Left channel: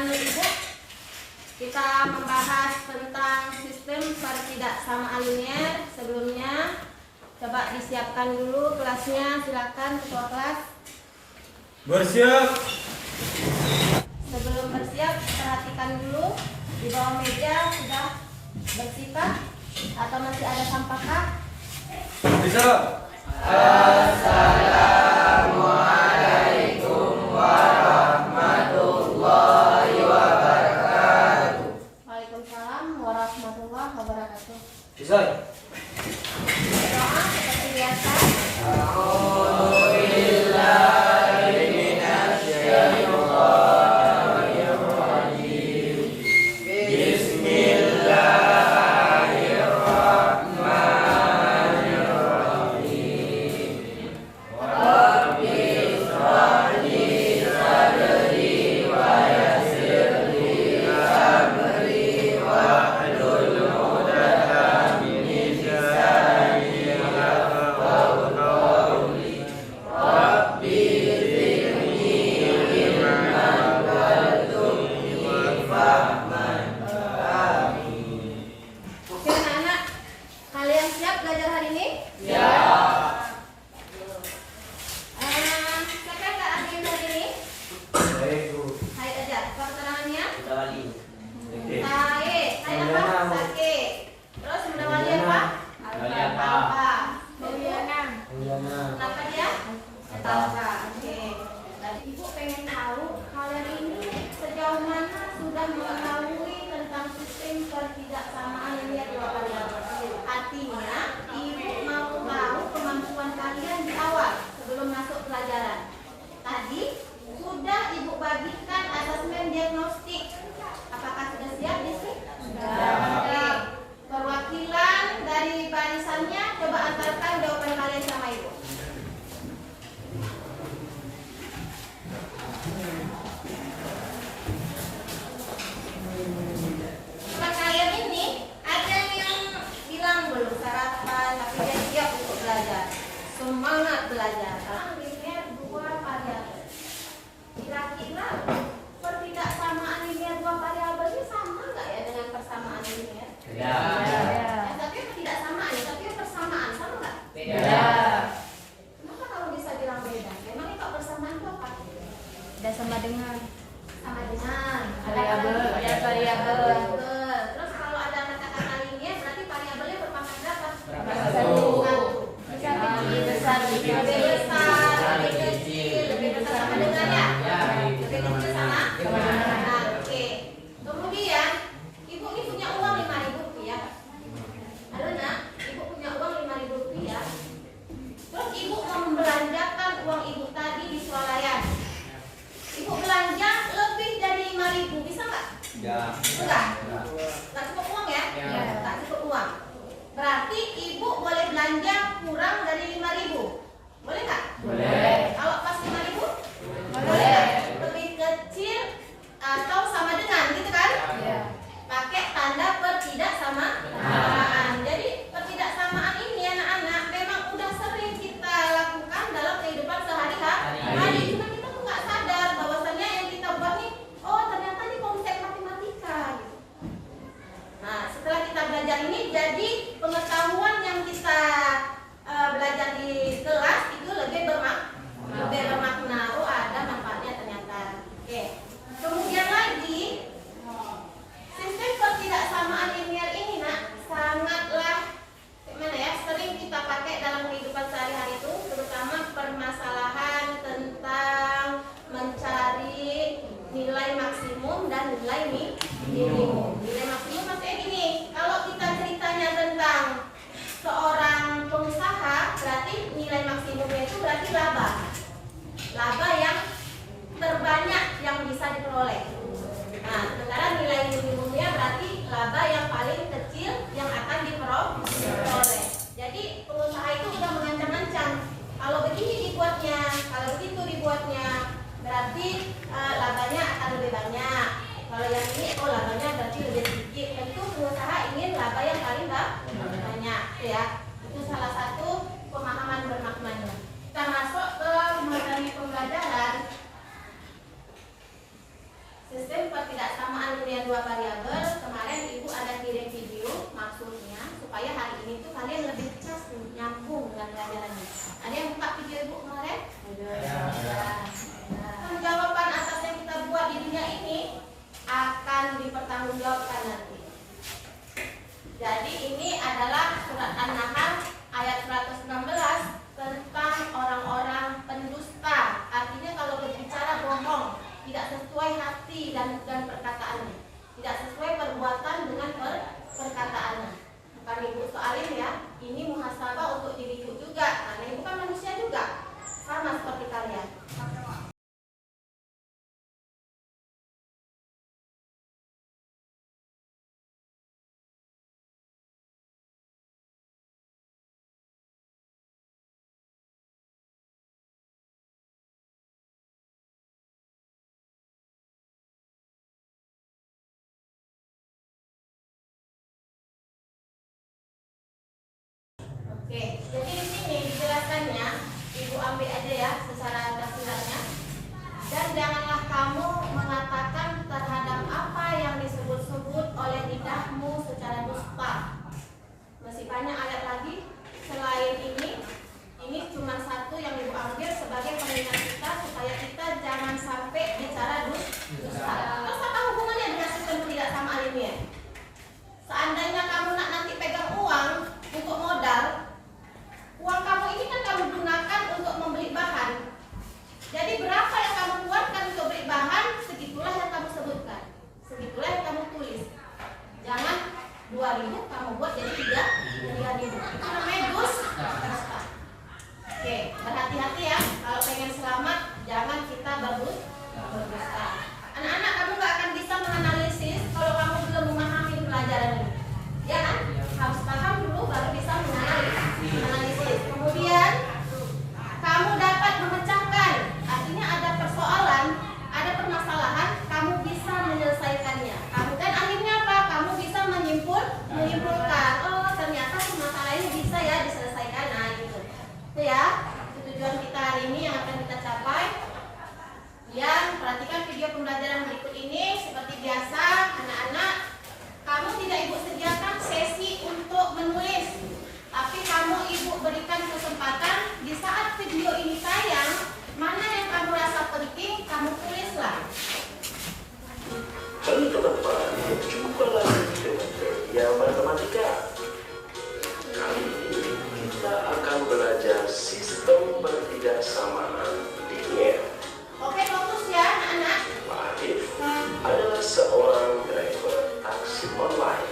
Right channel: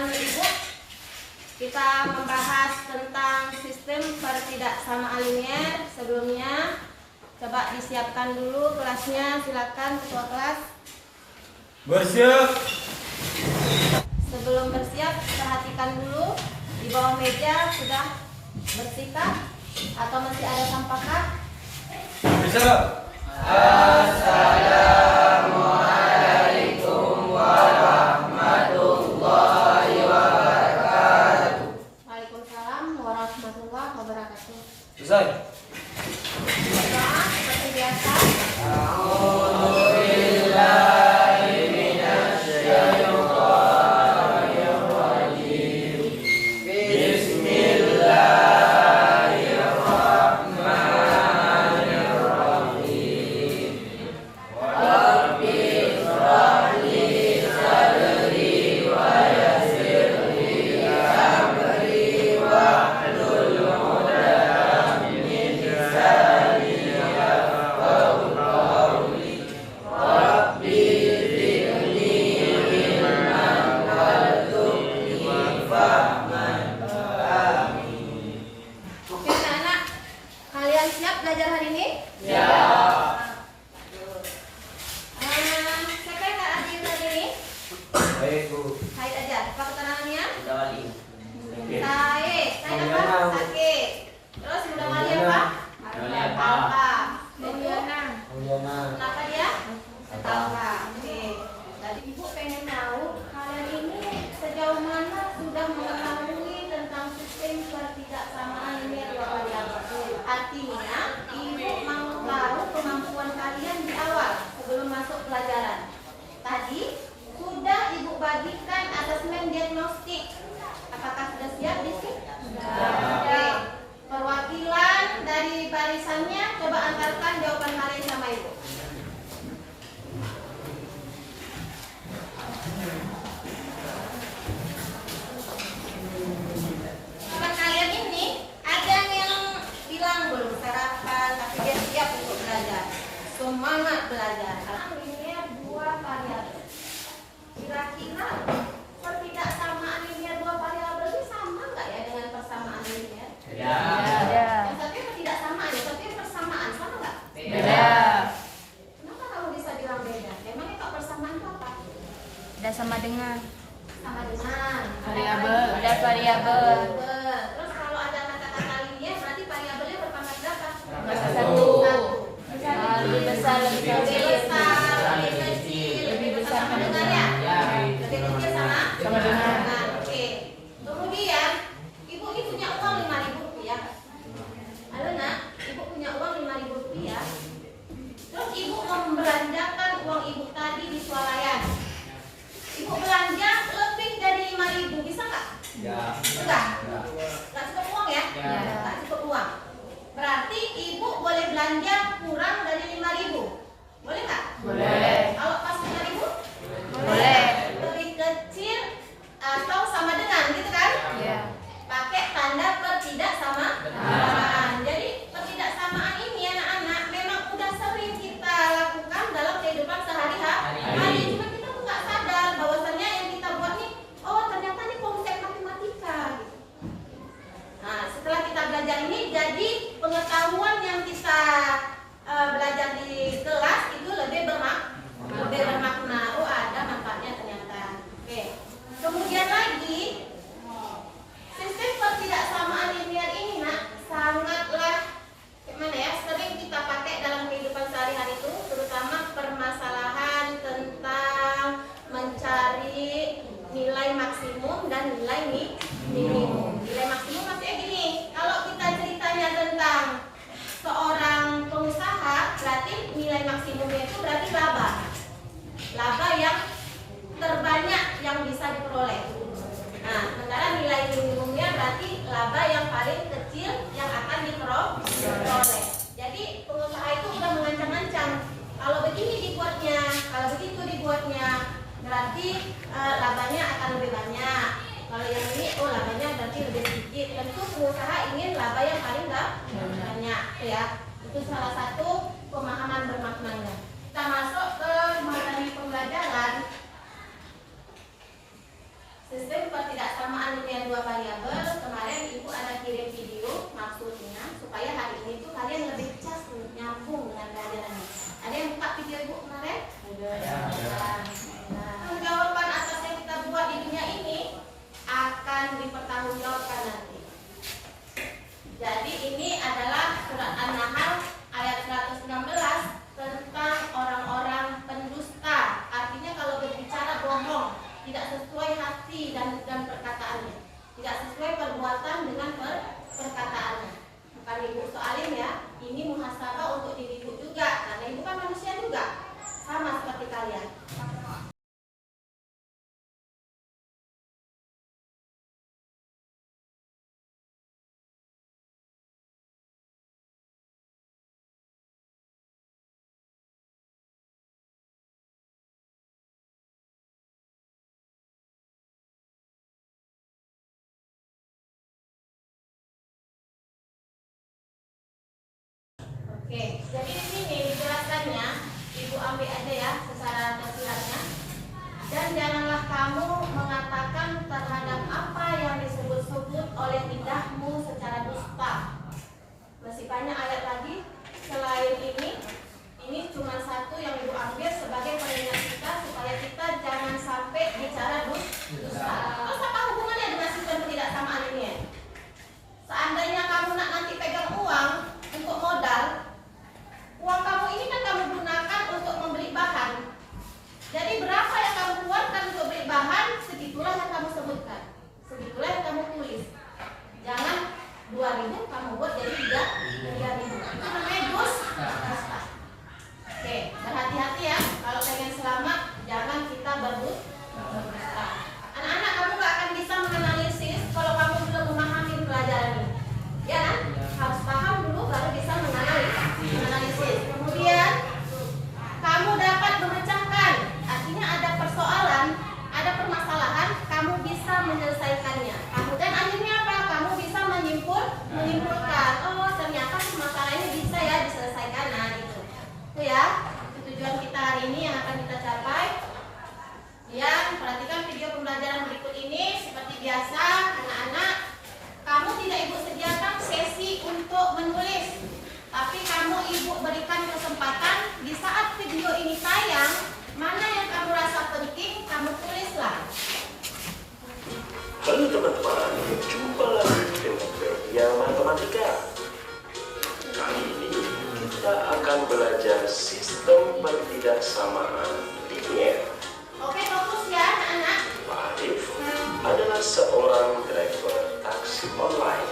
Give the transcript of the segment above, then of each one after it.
teman Ibu, kita membahas tentang sistem pertidaksamaan linier. Sebelumnya coba disiapkan dulu kelasnya, silakan ketua kelas. Bersiap. Sebelum bersiap, perhatikan dulu di bawah meja sudah bersihkah atau masih ada sampah kah? Bisa. Assalamualaikum warahmatullahi wabarakatuh. Waalaikumsalam warahmatullahi wabarakatuh. Selesai. Doa seperti biasa. Ibu pengen tahu kalian ini sejauh mana sudah mengetahui tentang sistem pertidaksamaan linier dua variabel. Artinya Ibu mau tahu kemampuan kalian di awal sebelum masuk pelajaran. Tadi sudah Ibu bagikan asesmen diagnostik. Apakah sudah siap di sini? Oke. Perwakilan dari barisannya coba antarkan jawaban kalian sama Ibu. Teman kalian ini ada yang bilang belum sarapan tapi dia siap untuk belajar, semangat belajar. Karena linier dua variabel. Kira-kira pertidaksamaan linier dua variabel ini sama nggak ya dengan persamaan linier? Ya. Tapi pertidaksamaan ya, tapi persamaan sama nggak? Beda. Kenapa kalau bisa bilang beda? Emangnya kalau persamaan itu apa? Tidak sama dengan variabel. Ada variabel. Terus kalau ada kata-kata linier berarti variabelnya berpangkat berapa? Satu. Lebih besar, lebih kecil, lebih besar sama dengan ya? Lebih kecil sama dengan. Nah, oke. Kemudian Ibu ini punya uang 5.000 rupiah. Halo nak, Ibu punya uang 5.000 rupiah. Terus Ibu mau membelanjakan uang Ibu tadi di swalayan. Ibu belanja lebih dari 5.000, bisa nggak? Ya. Enggak? Nggak cukup uang ya? Ya. Nggak cukup uang. Berarti Ibu boleh belanja kurang dari 5.000. Boleh nggak? Boleh. Kalau pas 5.000? Boleh. Lebih kecil atau sama dengan, gitu kan? Iya. Pakai tanda pertidaksamaan. Jadi pertidaksamaan ini anak-anak memang udah sering kita lakukan dalam kehidupan sehari-hari. Cuma kita tuh nggak sadar bahwasannya yang kita buat nih, oh ternyata ini konsep matematika. Gitu. Nah, setelah kita belajar ini, jadi pengetahuan yang kita belajar di kelas itu lebih Jadi di sini dijelaskannya, Ibu ambil aja ya secara tafsirannya. Dan janganlah kamu mengatakan terhadap apa yang disebut-sebut oleh lidahmu secara dusta. Masih banyak ayat lagi selain ini cuma satu yang Ibu ambil sebagai pengingat kita supaya kita jangan sampai bicara dusta. Terus apa hubungannya dengan sistem tidak sama alimnya? Seandainya kamu nanti pegang uang untuk modal, uang kamu ini kan kamu gunakan untuk membeli bahan. Jadi berapa yang kamu keluarkan untuk beli bahan, segitulah yang kamu sebutkan, segitulah yang kamu tulis. Jangan 2.000 kamu buat jadi 3.000. Itu namanya dusta. Oke, berhati-hati ya. Kalau pengen selamat, jangan kita berdusta. Anak-anak, kamu gak akan bisa menganalisis kalau kamu belum memahami pelajaran ini. Ya kan? Harus paham dulu baru bisa menganalisis. Kemudian kamu dapat memecahkan. Artinya ada persoalan, ada permasalahan, kamu bisa menyelesaikannya. Dan akhirnya apa? Kamu bisa menyimpulkan. Oh, ternyata masalah ini bisa ya diselesaikan. Nah, gitu. Itu ya, tujuan kita hari ini yang akan kita capai. Ya, perhatikan video pembelajaran berikut ini. Seperti biasa, anak-anak, kamu tidak Ibu sediakan sesi untuk menulis, tapi kamu Ibu berikan kesempatan di saat video ini tayang, mana yang kamu rasa penting, kamu tulislah. Halo teman-teman, jumpa lagi dengan Media Matematika. Kali ini kita akan belajar sistem pertidaksamaan linier. Oke, fokus ya anak-anak. Pak Arif adalah seorang driver taksi online.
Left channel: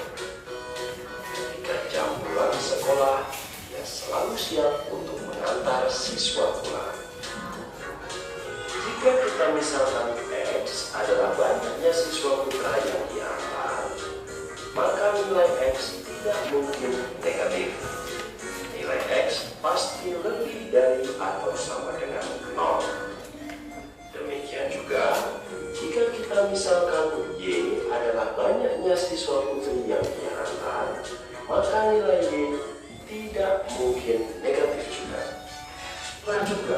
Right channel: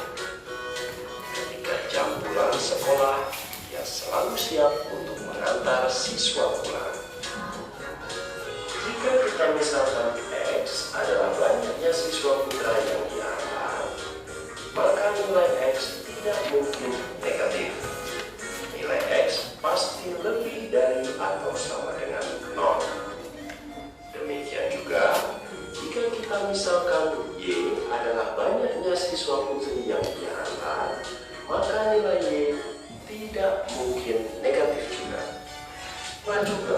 Ketika jam pulang sekolah, dia selalu siap untuk mengantar siswa pulang. Jika kita misalkan X adalah banyaknya siswa putra yang diantar, maka nilai X tidak mungkin negatif. Nilai X pasti lebih dari atau sama dengan 0. Demikian juga, jika kita misalkan Y adalah banyaknya siswa putri yang diantar, maka nilai Y tidak mungkin negatif juga. Dan juga,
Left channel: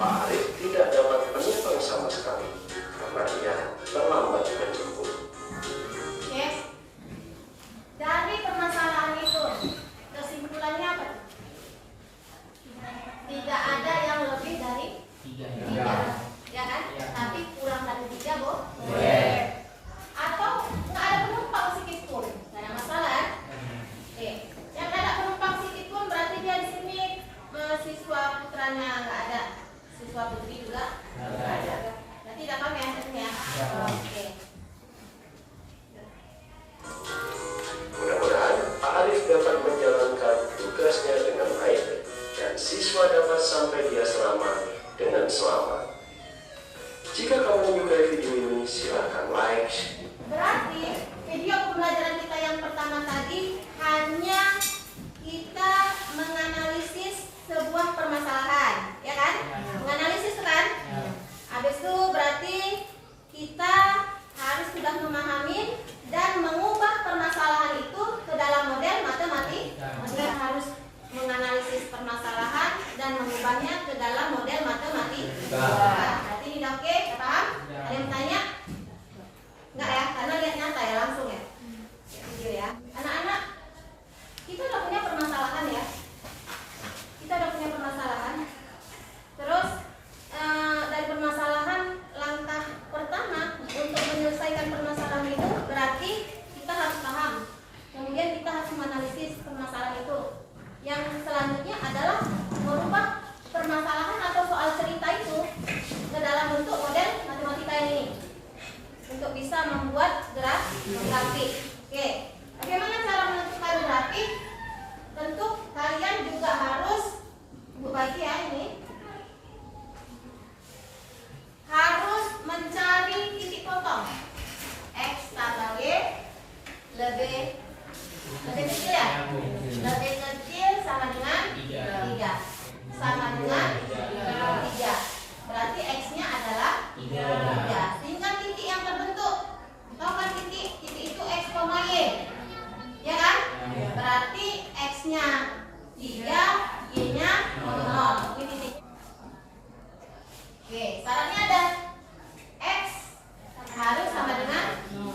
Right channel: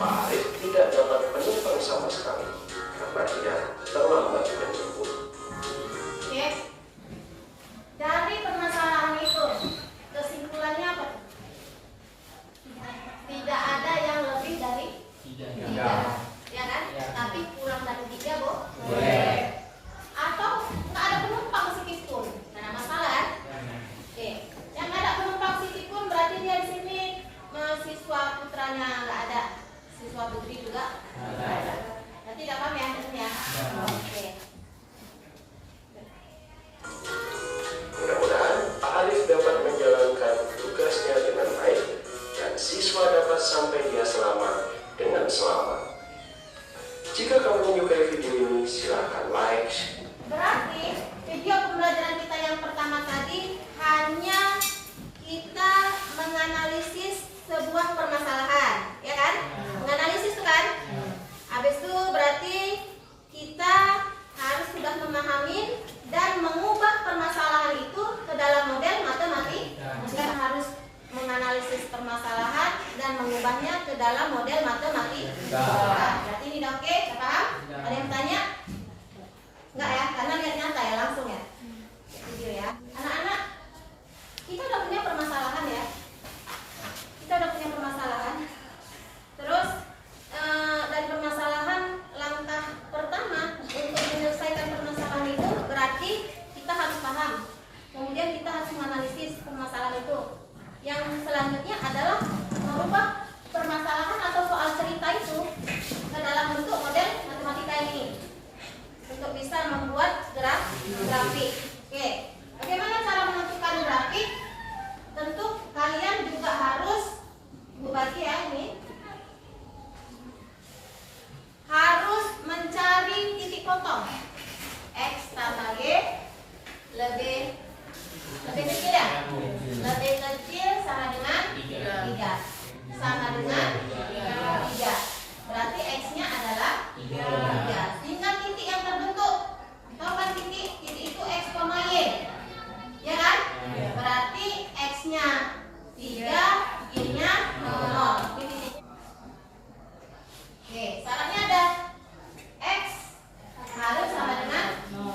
Pak Arif tidak dapat menumpang sama sekali karena dia terlambat menjemput. Oke. Dari permasalahan itu, kesimpulannya apa? Tidak ada yang lebih dari 3. Ya kan? Tapi kurang dari 3, Bo? Boleh. Atau nggak ada penumpang sedikit pun, nggak ada masalah kan? Oke. Yang nggak ada penumpang sedikit pun berarti dia di sini siswa putranya nggak ada, siswa putri juga nggak ada. Nanti tidak paham ya ini ya? Oke. Mudah-mudahan Pak Arif dapat menjalankan tugasnya dengan baik dan siswa dapat sampai dia selamat dengan selamat. Jika kamu menyukai video ini, silakan like. Berarti video pembelajaran kita yang pertama tadi hanya kita menganalisis sebuah permasalahan, ya kan? Menganalisis itu kan? Habis itu berarti kita harus sudah memahami dan mengubah permasalahan itu ke dalam model matematika. Kita harus menganalisis permasalahan dan mengubahnya ke dalam model matematika. Berarti ini udah oke, ya paham? Ada yang bertanya? Enggak ya, karena lihat nyata ya langsung ya. Video ya. Anak-anak, kita udah punya permasalahan ya. Kita udah punya permasalahan. Terus Oke, syaratnya ada X harus sama dengan 0.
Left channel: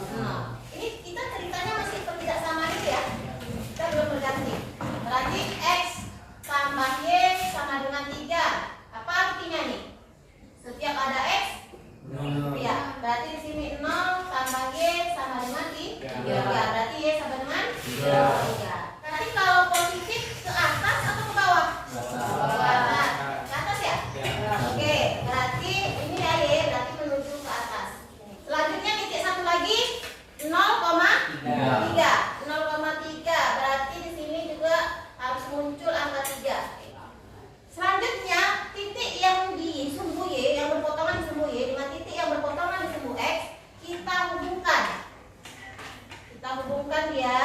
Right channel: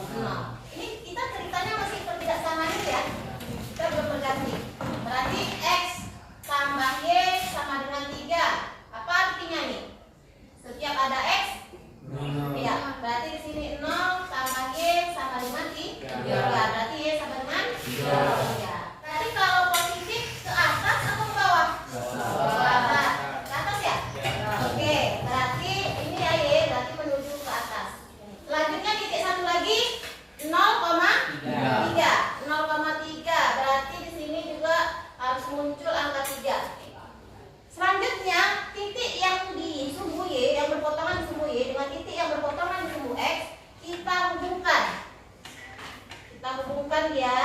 Ini kita ceritanya masih pertidaksamaan ya. Kita belum berganti. Berarti X tambah Y sama dengan 3. Apa artinya nih? Setiap ada X, ya, berarti di sini 0 tambah Y sama dengan 3. Ya, berarti Y sama dengan 3. Berarti kalau positif ke atas atau ke bawah? Ke atas. Ke atas ya? Oke, berarti ini ya Y, berarti menuju ke atas. Selanjutnya titik satu lagi 0,3. 0,3 berarti di sini juga harus muncul angka 3. Selanjutnya titik yang di sumbu Y yang berpotongan di sumbu Y dengan titik yang berpotongan di sumbu X kita hubungkan. Kita hubungkan dia.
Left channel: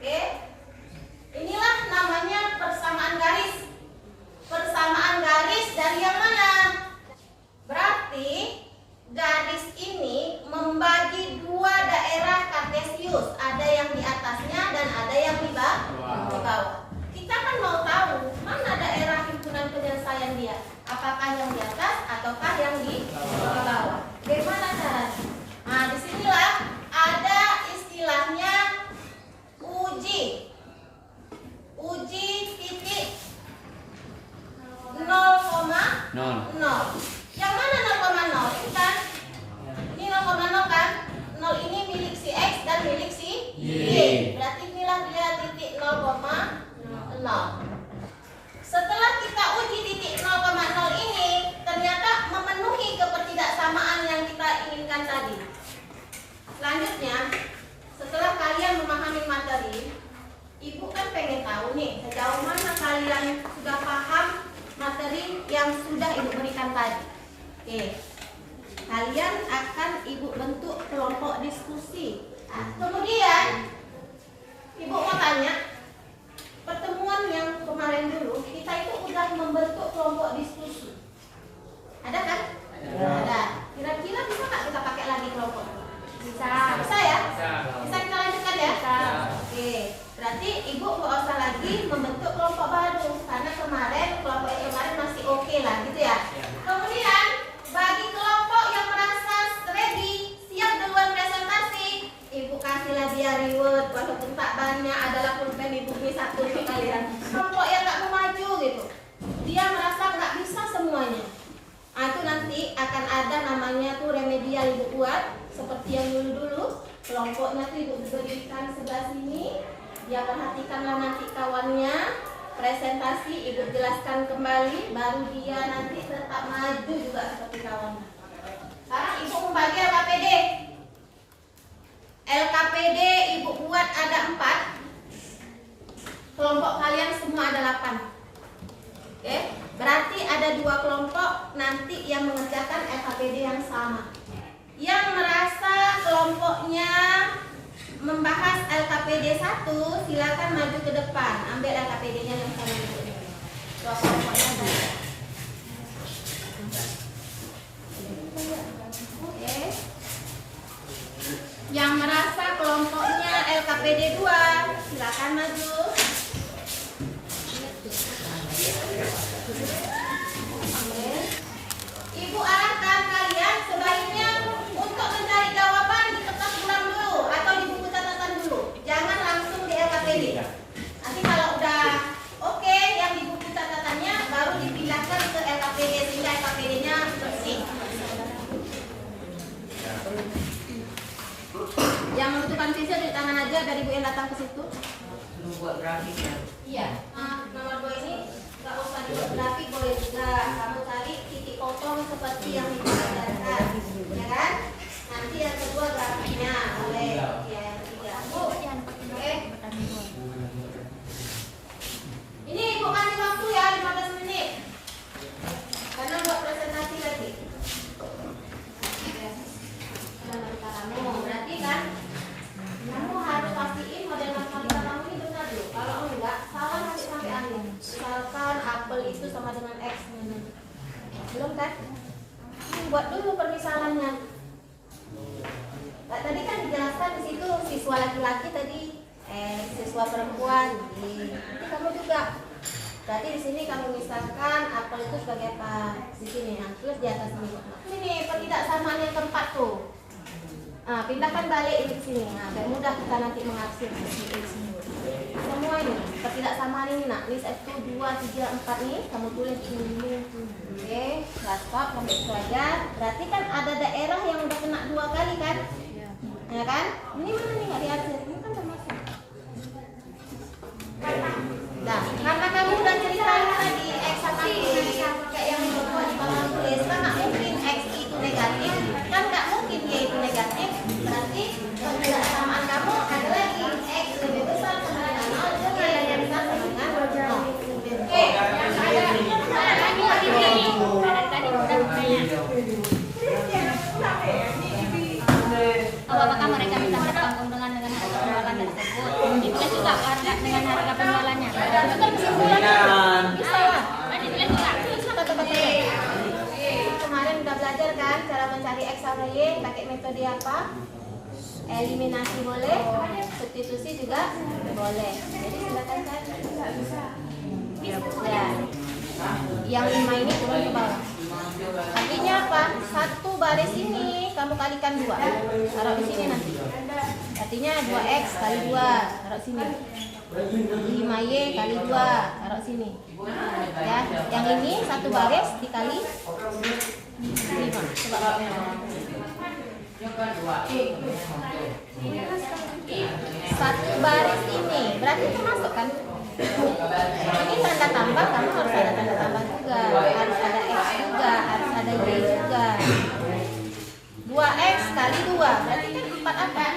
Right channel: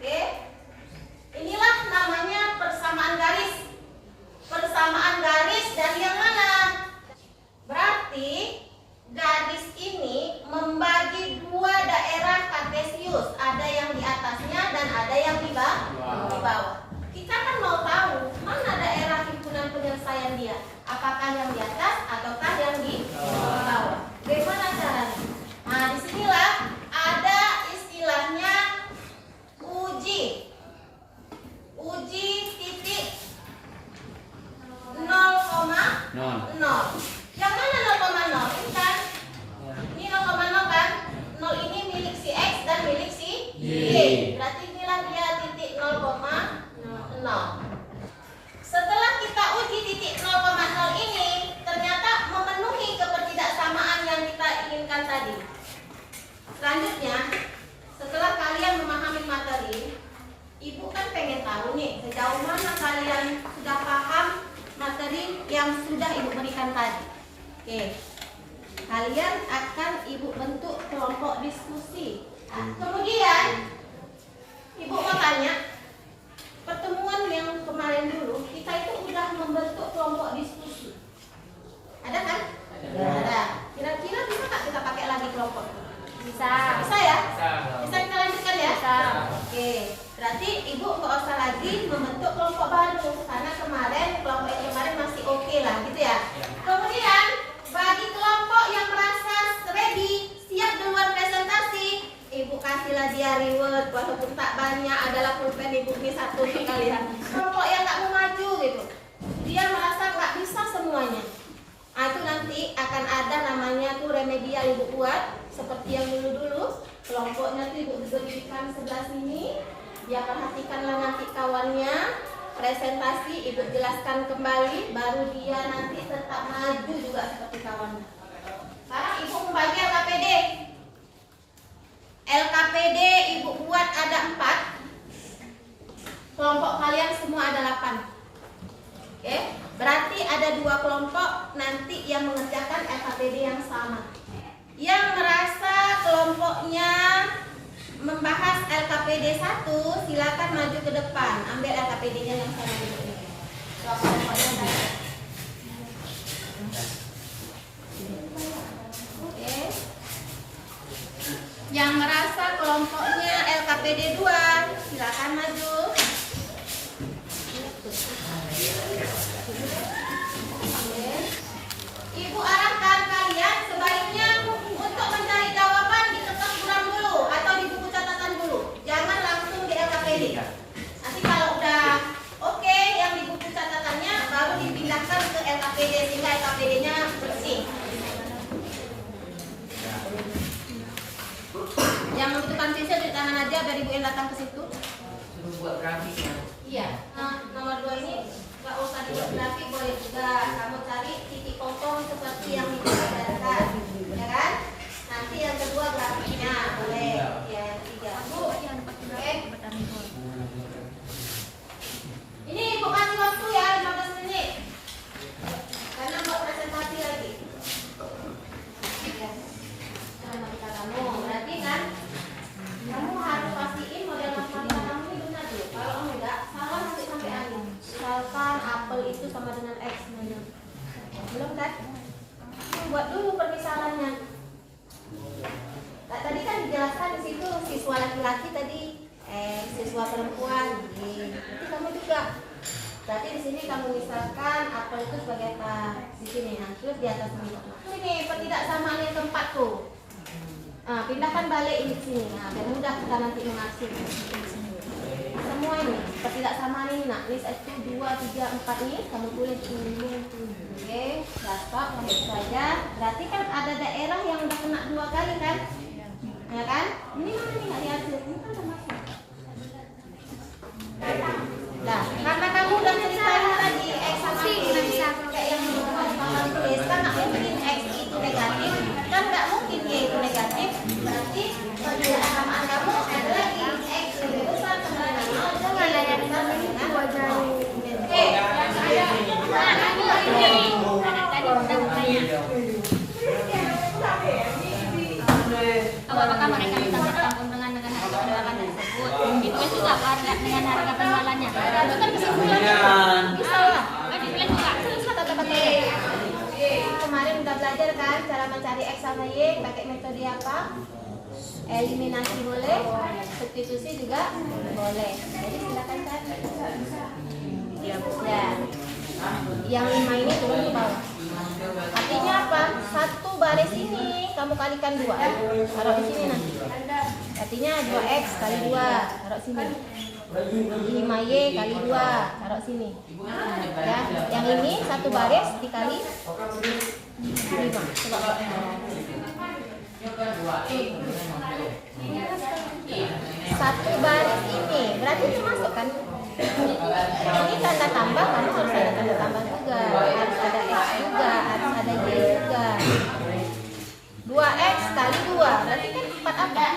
Oke. Inilah namanya persamaan garis. Persamaan garis dari yang mana? Berarti garis ini membagi dua daerah kartesius, ada yang di atasnya dan ada yang di bawah. Kita kan mau tahu mana daerah himpunan penyelesaian dia, apakah yang di atas ataukah yang di bawah. Bagaimana caranya? Nah, disinilah ada istilahnya uji titik 0,0. Yang mana 0,0? Ini kan? Ini 0,0 kan? 0 ini milik si X dan milik si Y. Berarti inilah dia titik 0,0. Setelah kita uji titik 0,0 ini ternyata memenuhi kepertidaksamaan yang kita inginkan tadi. Selanjutnya, setelah kalian memahami materi, Ibu kan pengen tahu nih sejauh mana kalian sudah paham materi yang sudah Ibu berikan tadi. Oke, kalian akan Ibu bentuk kelompok diskusi. Nah, kemudian Ibu mau tanya, pertemuan yang kemarin dulu kita itu udah membentuk kelompok diskusi. Ada kan? Ada. Kira-kira bisa nggak kita pakai lagi kelompok? Bisa. Bisa ya? Bisa kita lanjutkan ya? Bisa. Oke, berarti Ibu nggak usah lagi membentuk kelompok baru karena kelompok yang kemarin masih oke lah, gitu ya. Kemudian bagi kelompok yang merasa ready, siap duluan presentasi, Ibu kasihlah dia reward walaupun tak banyak, adalah pulpen Ibu ini satu untuk kalian. Kelompok yang nggak mau maju gitu, dia merasa nggak bisa semuanya. Nah, itu nanti akan ada namanya tuh remedial Ibu buat seperti yang dulu. Kelompoknya tuh Ibu berikan sebelah sini, dia perhatikanlah nanti kawannya, presentasi Ibu jelaskan kembali, baru dia nanti tetap maju juga seperti kawannya. Sekarang Ibu membagi LKPD. LKPD Ibu buat ada 4. Kelompok kalian semua ada 8. Oke, berarti ada 2 kelompok nanti yang mengerjakan LKPD yang sama. Yang merasa kelompoknya membahas LKPD 1, silakan maju ke depan, ambil LKPD-nya yang sama ini. Dua kelompoknya tadi. Oke. Yang merasa kelompoknya LKPD 2, silakan maju. Oke. Ibu arahkan kalian sebaiknya untuk mencari jawaban di kertas bulan dulu atau di buku catatan dulu. Jangan langsung di LKPD. Nanti kalau udah oke yang di buku catatannya baru dipindahkan ke LKPD sehingga LKPD-nya bersih. Yang membutuhkan siswa di tangan aja dari Bu yang datang ke situ. Suruh buat grafiknya. Iya. Nah, nomor 2 ini nggak usah dibuat grafik, boleh juga kamu cari titik potong seperti yang diajarkan, ya kan? Nanti yang kedua grafiknya boleh, ya yang ketiga. Bu, oke. Ini Ibu kasih waktu ya 15 menit. Karena buat presentasi lagi. Ya. Sama kita kamu, berarti kan kamu harus pastiin model matematika kamu ini benar dulu. Kalau enggak, salah nanti sampai angin. Misalkan apel itu sama dengan X. Belum kan? Buat dulu permisalannya. Nah, tadi kan dijelaskan di situ siswa laki-laki tadi, siswa perempuan. Itu kamu juga Berarti di sini kamu misalkan apel itu sebagai apa? Di sini, nah, terus di atas ini. Ini ketidaksamaan yang tempat tuh. Nah, pindahkan balik ini ke sini. Nah, biar mudah kita nanti mengatur semua ini. Ketidaksamaan ini, nak. Ini 1, 2, 3, 4 nih. Kamu tulis dulu. Oke, udah stop sampai itu aja. Berarti kan ada daerah yang udah kena 2 kali kan? Ya kan? Ini mana nih nggak diatur? Ini kan termasuk. Nah, karena kamu udah ceritain tadi X sama Y kayak yang buat di papan tulis, kan nggak mungkin X itu negatif, kan nggak mungkin Y itu negatif, berarti ketidaksamaan kamu ada lagi X lebih besar sama dengan 0 dan Y yang besar sama dengan 0. Oke, Apakah mereka bisa mendapatkan keuntungan dengan harga penjualan tersebut? Ditulis juga harga dengan harga penjualannya. Betul kesimpulannya. Bisa lah. Ditulis juga. Tulislah kata-katanya. Kemarin udah belajar kan cara mencari X sama Y pakai metode apa? Eliminasi boleh, substitusi juga boleh. Jadi silakan cari. Ya. Yang 5 ini turun ke bawah. Artinya apa? 1 baris ini kamu kalikan 2. Taruh di sini nanti. Artinya 2x kali 2, taruh sini. 5y kali 2, taruh sini. Ya, yang ini 1 baris dikali 5. Coba. 1 baris ini berarti itu masuk kan? Ini tanda tambah, kamu harus ada tanda tambah juga, harus ada X juga, harus ada Y juga. 2x kali 2 berarti kan 4 apa?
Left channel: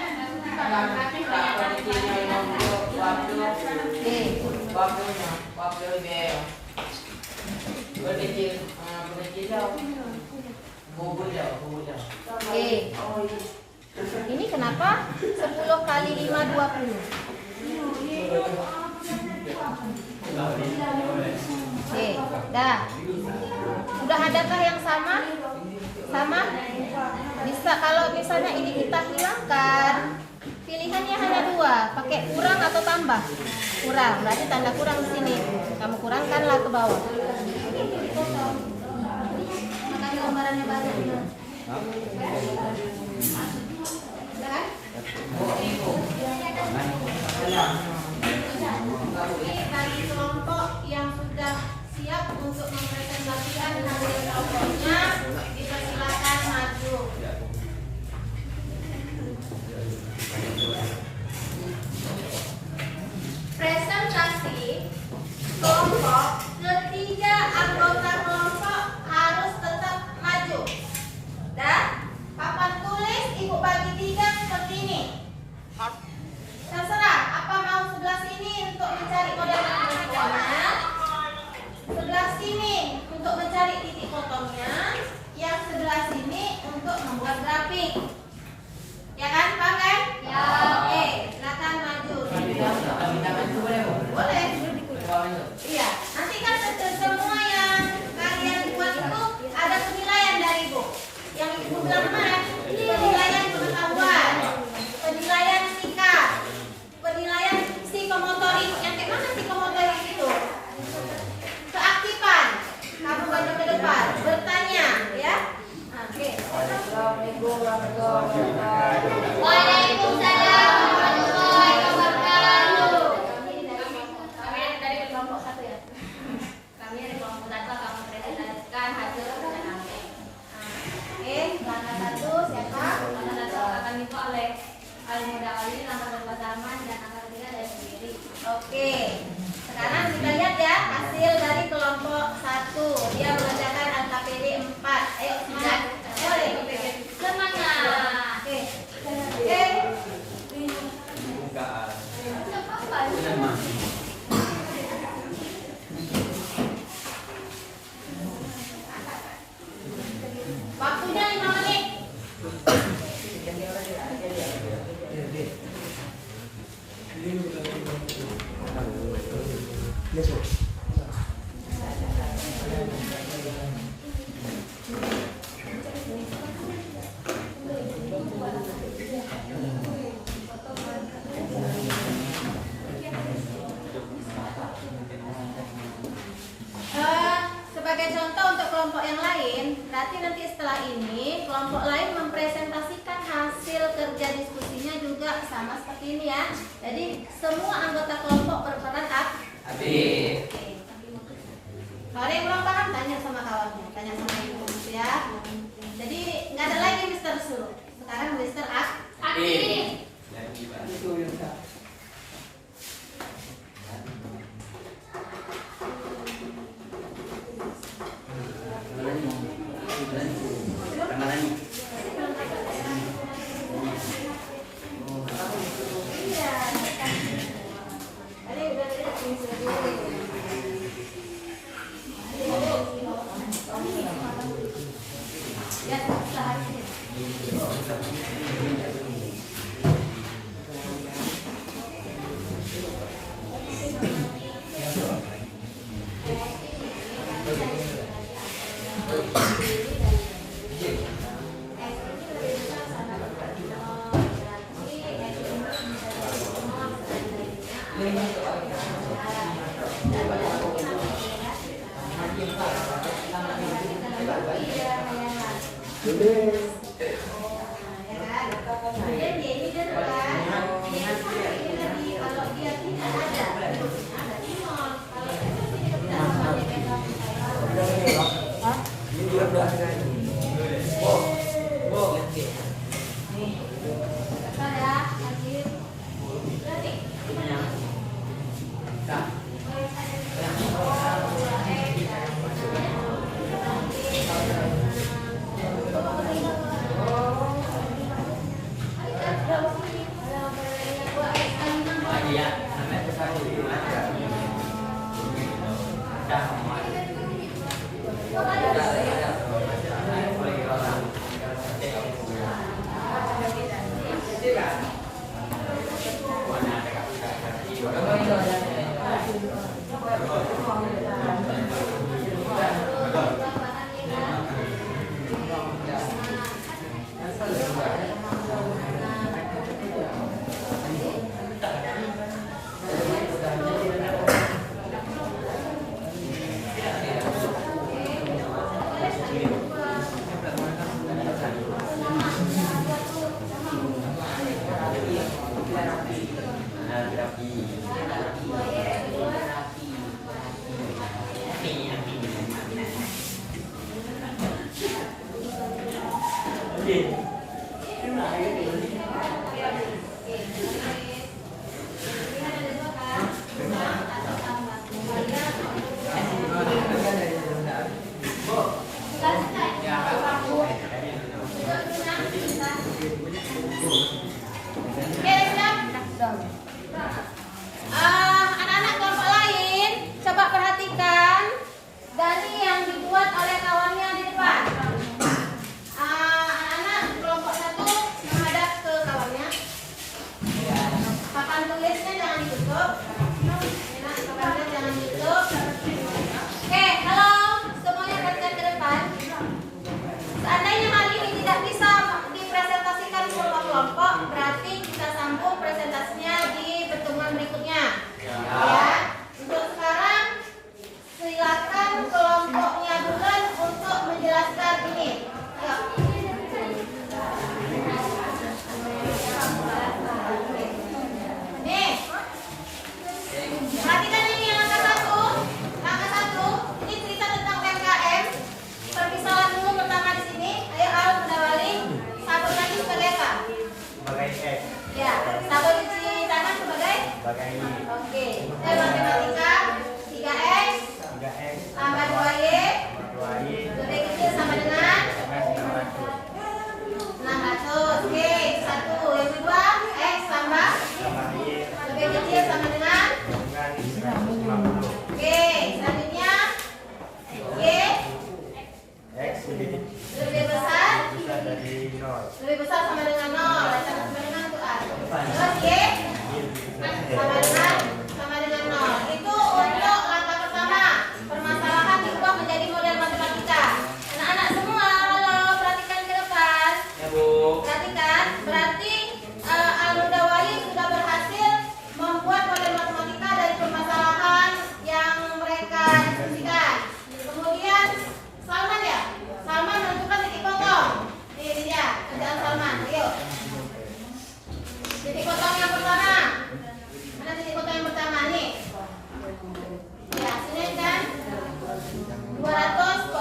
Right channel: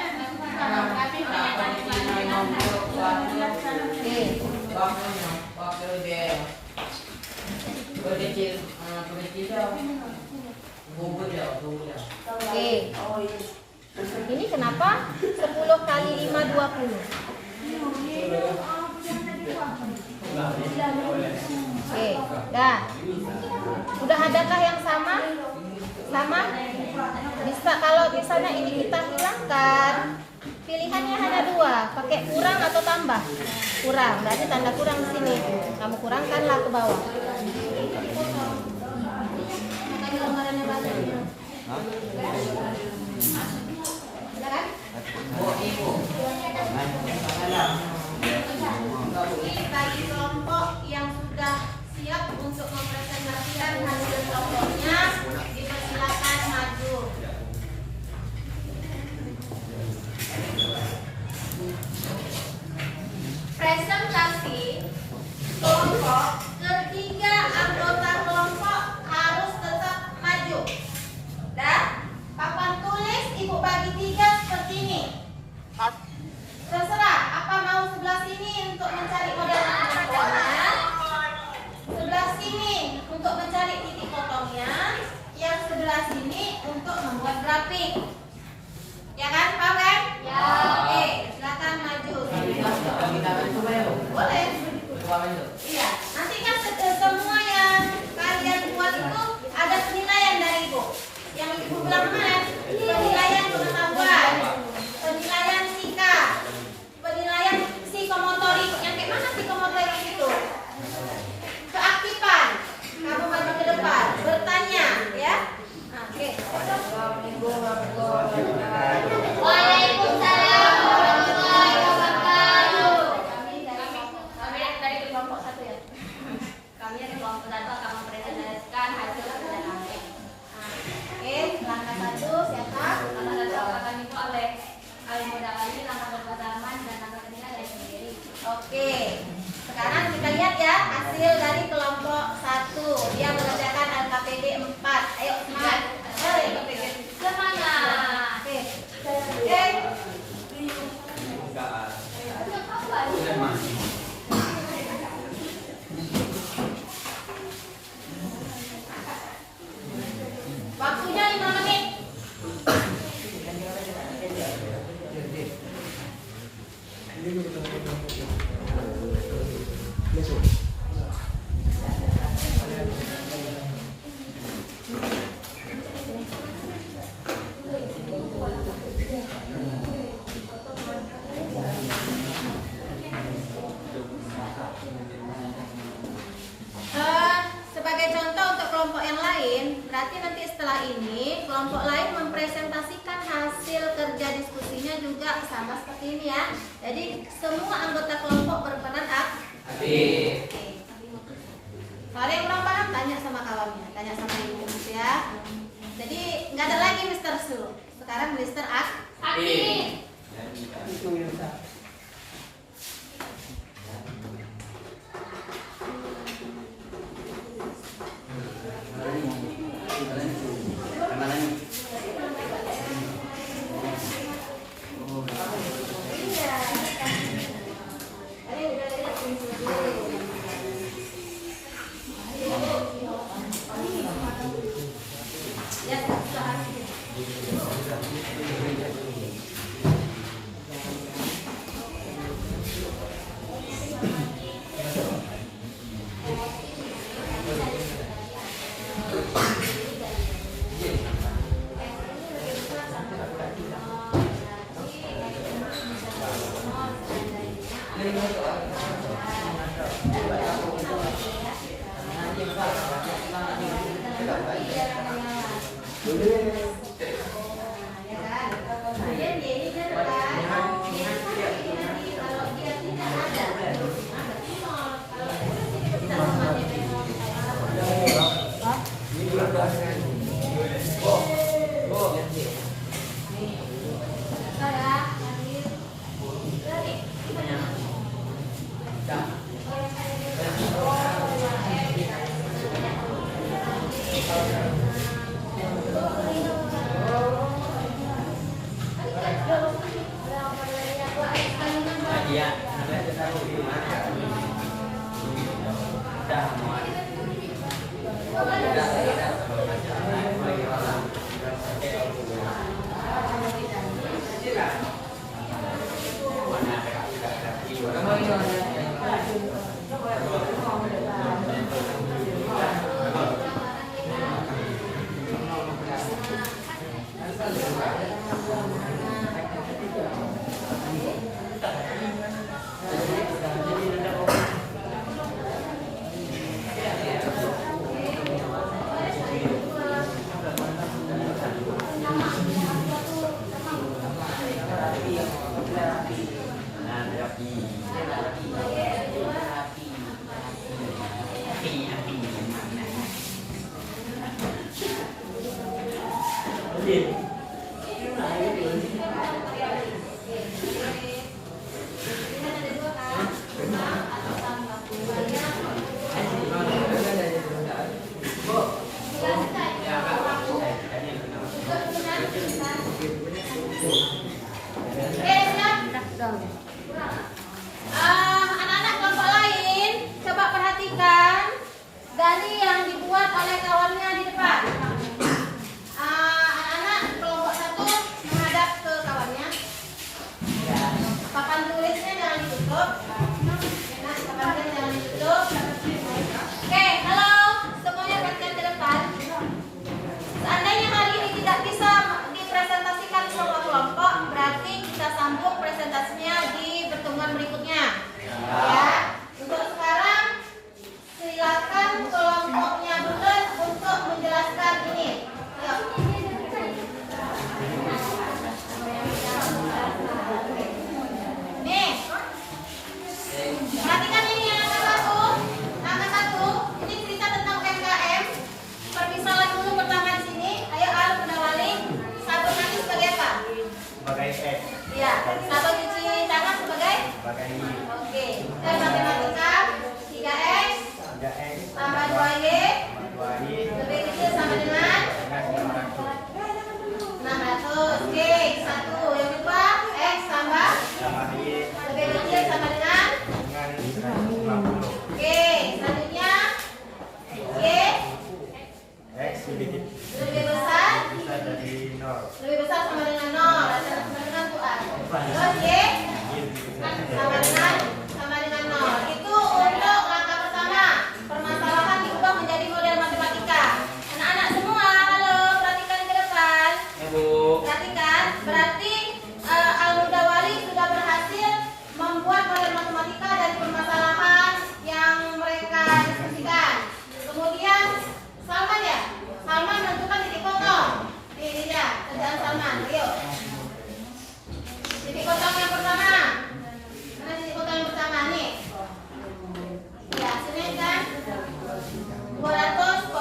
Oke. Ini kenapa 10 kali 5 20? Oke, dah. Udah adakah yang sama? Sama? Bisa kalau misalnya ini kita hilangkan, pilihannya hanya 2, pakai kurang atau tambah? Kurang, berarti tanda kurang di sini. Kamu kurangkanlah ke bawah. Makanya lembarannya banyak. Udah kan? Ini bagi kelompok yang sudah siap untuk mempresentasikan hasil kelompoknya, dipersilakan maju. Presentasi kelompok, ketiga anggota kelompok harus tetap maju. Dan papan tulis ibu bagi 3 seperti ini. Terserah, apa mau sebelah sini untuk mencari model fotonya, sebelah sini untuk mencari titik fotonya, yang sebelah sini untuk membuat grafik. Ya kan, paham kan? Ya. Oke, silakan maju. Boleh. Iya, nanti kan semua yang kalian buat itu ada penilaian dari ibu. Yang ibu bilang kemarin, penilaian pengetahuan, penilaian sikap, penilaian psikomotorik. Yang kayak mana psikomotorik itu? Keaktifan. Kamu baca ke depan, bertanya, ya. Oke. Waalaikumsalam warahmatullahi wabarakatuh. Kami dari kelompok 1 ya. Kami dari kelompok 1 akan mempresentasikan hasil kerja kami. Oke, langkah 1 siapa? Langkah 1 akan dibuat oleh Al-Muda ini, langkah 2 Zaman, dan langkah 3 dari sendiri. Oke, sekarang kita lihat ya hasil dari kelompok 1. Dia mengerjakan LKPD 4. Ayo semangat. Semangat. Oke. Oke. Waktunya 5 menit. setelah ini kelompok lain mempresentasikan hasil kerja diskusinya juga sama seperti ini ya. Jadi semua anggota kelompok berperan Adik. Kalau ada yang belum paham tanya sama kawannya, tanya sama ibu ya. Jadi nggak ada lagi Mr. Su. Sekarang Mr. Aktif. Anak-anak kelompok lain, coba perhatikan dari yang dibuat oleh kawannya di depan. Anak-anak kelompok 1 menghadap ke kawannya. Papan tulisnya jangan ditutup. Papan tulisnya jangan ditutup. Oke, kalau semuanya perhatikan ke depan. Seandainya hal ini tidak bisa dipresentasikan di semua kelompok, berarti kita sambung presentasinya di pertemuan berikutnya. Ya. Untuk sekarang silakan kelompoknya Bulan untuk menjelaskan ini. Ayo. Nih. Perhatikan ini yang angka 1. Angka 1, ini cerita tentang UMKM. Permisalan dulu pertama di sini. Ayo Al, Bunda Wali. Sabun nanti sebagai apa? Sebagai X. Ya, sabun cuci tangan sebagai? Sebagai Y. Oke. Matematika 3x 3X. tambah 2y 2Y. lebih kecil sama dengan 600. Oke, 1. Yang kedua, x tambah Sama Y. lebih kecil sama dengan. Dengan 150. Oke, selanjutnya y X lebih besar dari 0. lebih besar sama dengan 0. Sama dengan tuh A. Terus y sama dengan 0. Itu untuk langkah pertama. Permasalahan diubah menjadi model matematika. Anak-anak semua, halo, perhatikan ke depan. Ya Bu. Perhatikan, berarti Al-Huda Wali sudah berhasil membuat model matematika dari permasalahan yang mereka diskusikan. Kemudian Salman ya, Salman menentukan titik koma Kerjaan Salman, ayo. Titik potong yang pertama. Mana titik potong yang pertama nih? Ya, sini kan 200,0.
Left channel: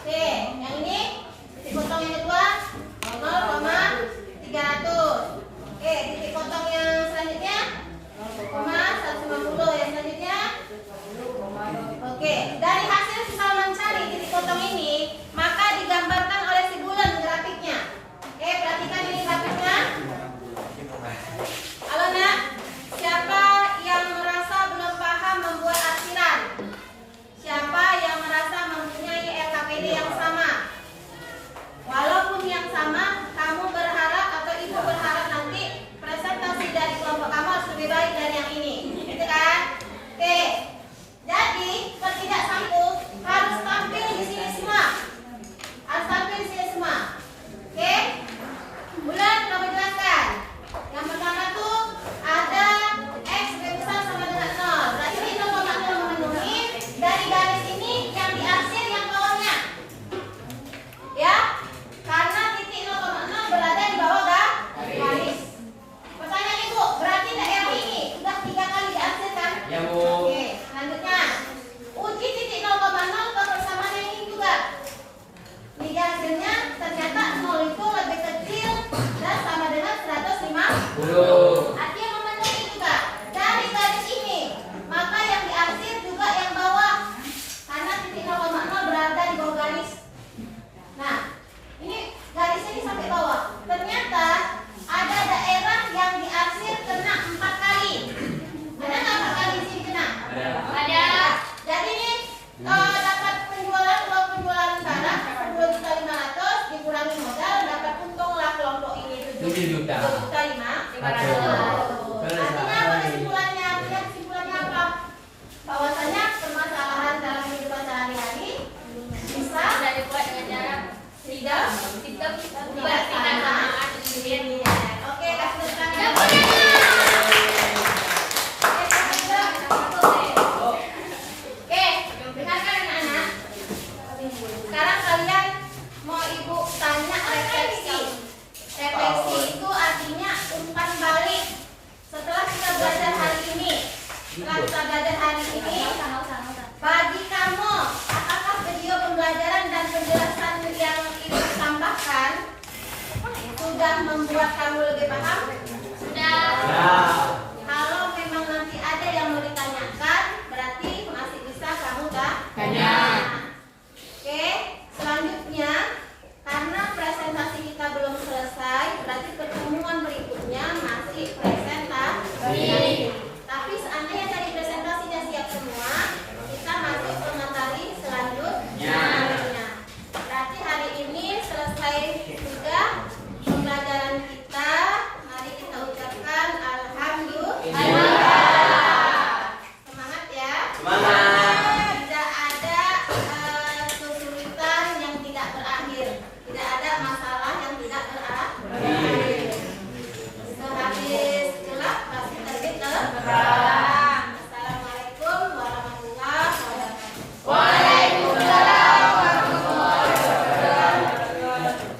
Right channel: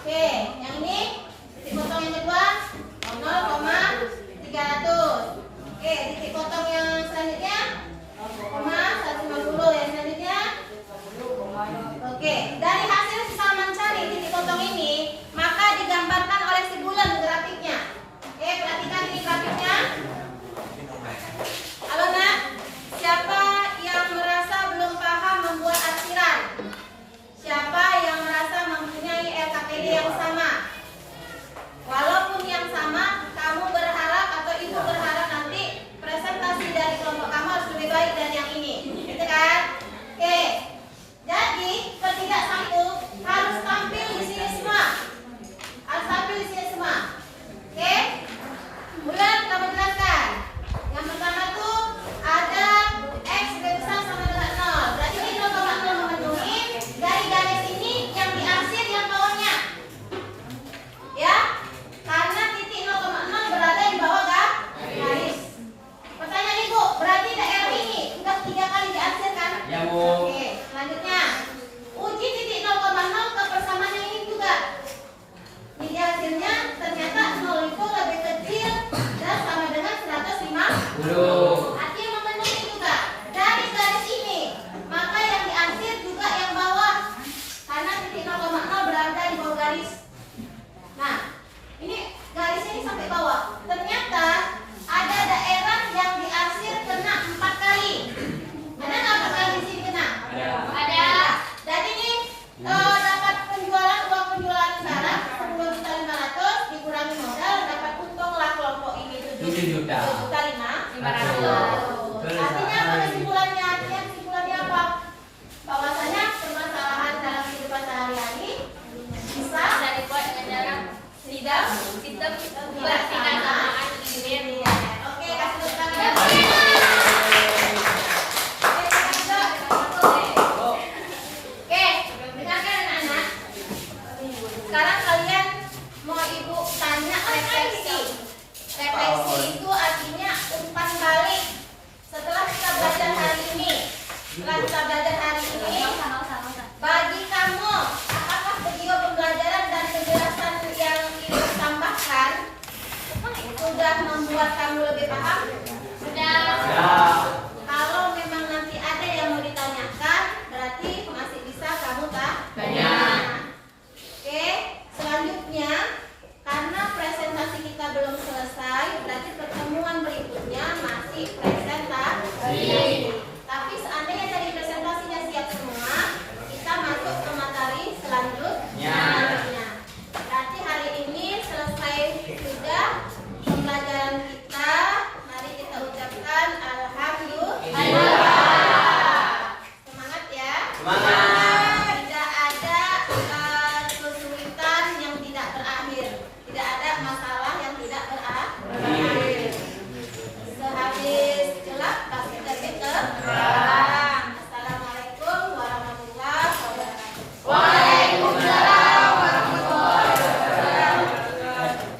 Oke, yang ini titik potong yang kedua 0,300. Oke, titik potong yang selanjutnya 0,150. Yang selanjutnya. Oke, dari hasil Salman cari titik potong ini, maka digambarkan oleh si bulan grafiknya. Oke, perhatikan ini grafiknya. Halo Nak, siapa yang merasa belum paham membuat artiran? Siapa yang merasa mempunyai LKPD yang sama? Walaupun yang sama, kamu berharap atau ibu berharap nanti presentasi dari kelompok kamu harus lebih baik dari yang ini, gitu kan? Oke, jadi ketidaksatu harus tampil di sini semua, harus tampil di sini semua. Oke, bulan kita menjelaskan. Yang pertama tuh ada X lebih besar sama dengan 0. Berarti ini 0,0 memenuhi dari garis ini yang diarsir yang bawahnya. Ya, karena titik 0,0 berada di bawah garis. Pertanyaan Ibu, berarti daerah ini udah 3 kali diarsir kan? Ya, Bu. Oke, selanjutnya uji titik 0,0 ke persamaan yang ini juga. Ini hasilnya ternyata 0 itu lebih kecil dan sama dengan 150. Artinya memenuhi juga dari garis ini. Maka yang diarsir juga yang bawah, karena titik 0,0 berada di bawah garis. Nah, ini garisnya ini sampai bawah. Ternyata ada daerah yang diarsir kena 4 kali. Ada nggak 4 kali di sini kena? Ada. Jadi ini dapat penjualan, uang penjualan sekarang 10.500 dikurangi modal, dapat untunglah kelompok ini 7.500. Artinya apa kesimpulannya? Kesimpulannya apa? Bahwasanya permasalahan dalam kehidupan sehari-hari bisa dibuat dengan cara tidak buat kenyataan. Oke, kasih tepuk tangan. Oke, dengarkan anak-anak. Sekarang kalian mau ibu tanya refleksi. Refleksi itu artinya umpan balik. Setelah kita belajar hari ini, bagi kamu, apakah video pembelajaran dan penjelasan yang ibu tambahkan sudah membuat kamu lebih paham? Sudah. Ya.